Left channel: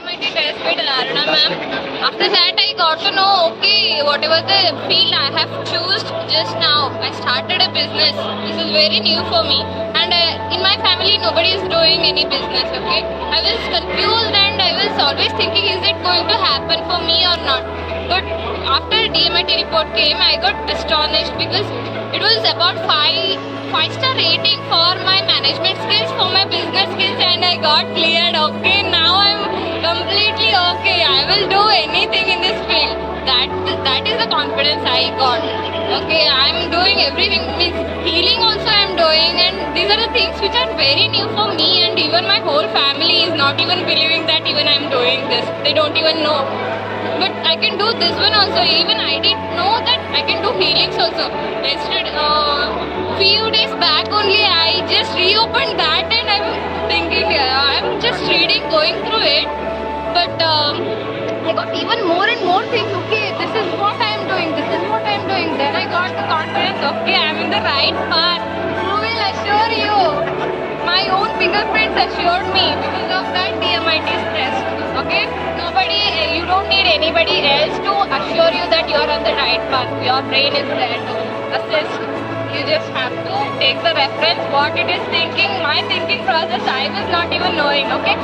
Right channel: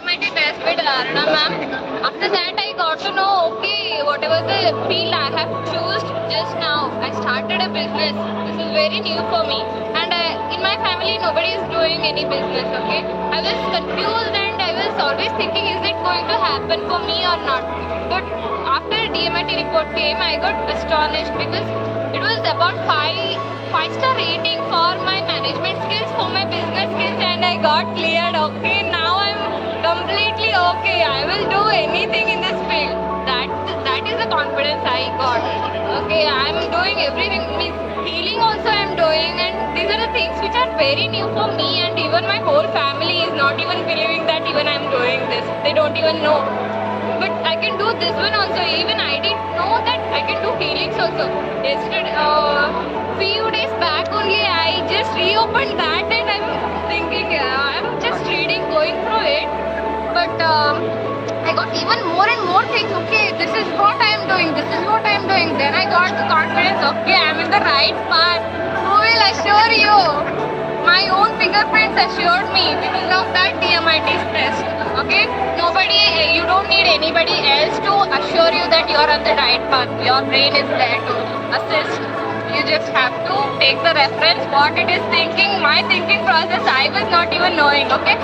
DMIT test with Aruna ma'am. After that, I got to know, okay, whatever the field I have chosen just now, I started a business. This is very new for me. And in my family, nobody is doing any business, okay? I was confused and I was always thinking, is it going to happen for me or not? But after DMIT report came, I got astonished because it was about five-star rating for my management skills, for my business skills, and I got cleared. Okay, now I'm completely okay. I will do anything in this field. That is the confidence I got. Okay, I'm doing everything. Means healing also I'm doing, and these are the things which are very new for me, and even my whole family is not even believing that even I'm doing this. They don't even know. But I can do this one also. Even I didn't know that I can do healings also. Yesterday, few days back only, I just reopened that and I'm thinking, I'm just reading, going through it. But I got even more and more things. Okay, this is what I am doing. This is what I am doing. Then I got the confidence. Okay, I'm in the right path. Who will assure you? My own fingerprints assured me because of that DMIT test. Okay, nobody, you don't need anybody else to assure you that you're on the right path. Your brain is there to assist. You just have to take the reference, what it is thinking. My thinking process, I was not even knowing. Okay,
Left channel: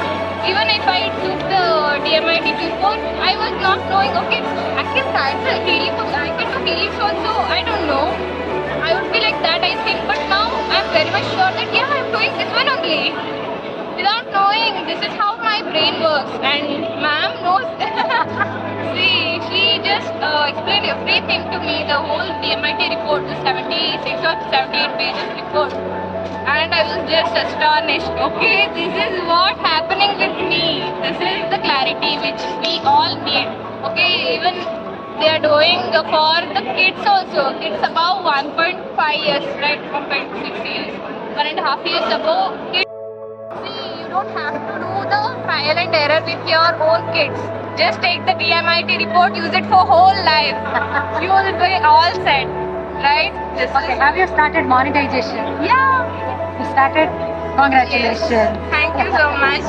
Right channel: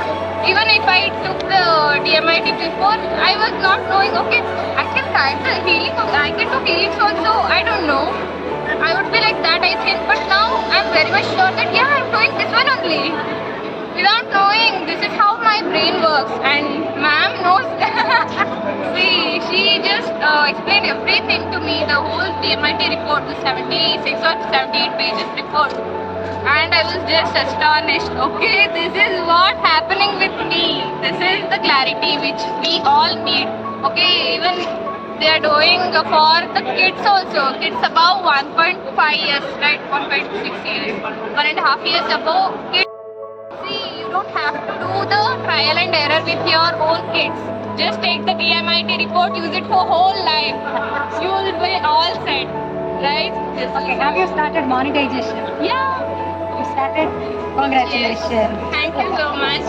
even if I took the DMIT before, I was not knowing. Okay, I can start the healing. I can do healings also. I don't know. I would be like that, I think, but now I'm very much sure that yeah, I'm doing this one only. Without knowing, this is how my brain works, and ma'am knows. See, she just explained everything to me, the whole DMIT report, the 76 or 78 pages report, and I was just astonished. Okay, this is what happening with me. This is the clarity which we all need. Okay, even they are doing for the kids also. Kids above 1.5 years, right? 1.6 years, 1.5 years above kids. See, you don't have to do the trial and error with your own kids. Just take the DMIT report, use it for whole life. You will be all set, right? Okay, have you started monetization? Yeah. You started? Congratulations. Yes. Thank you so much.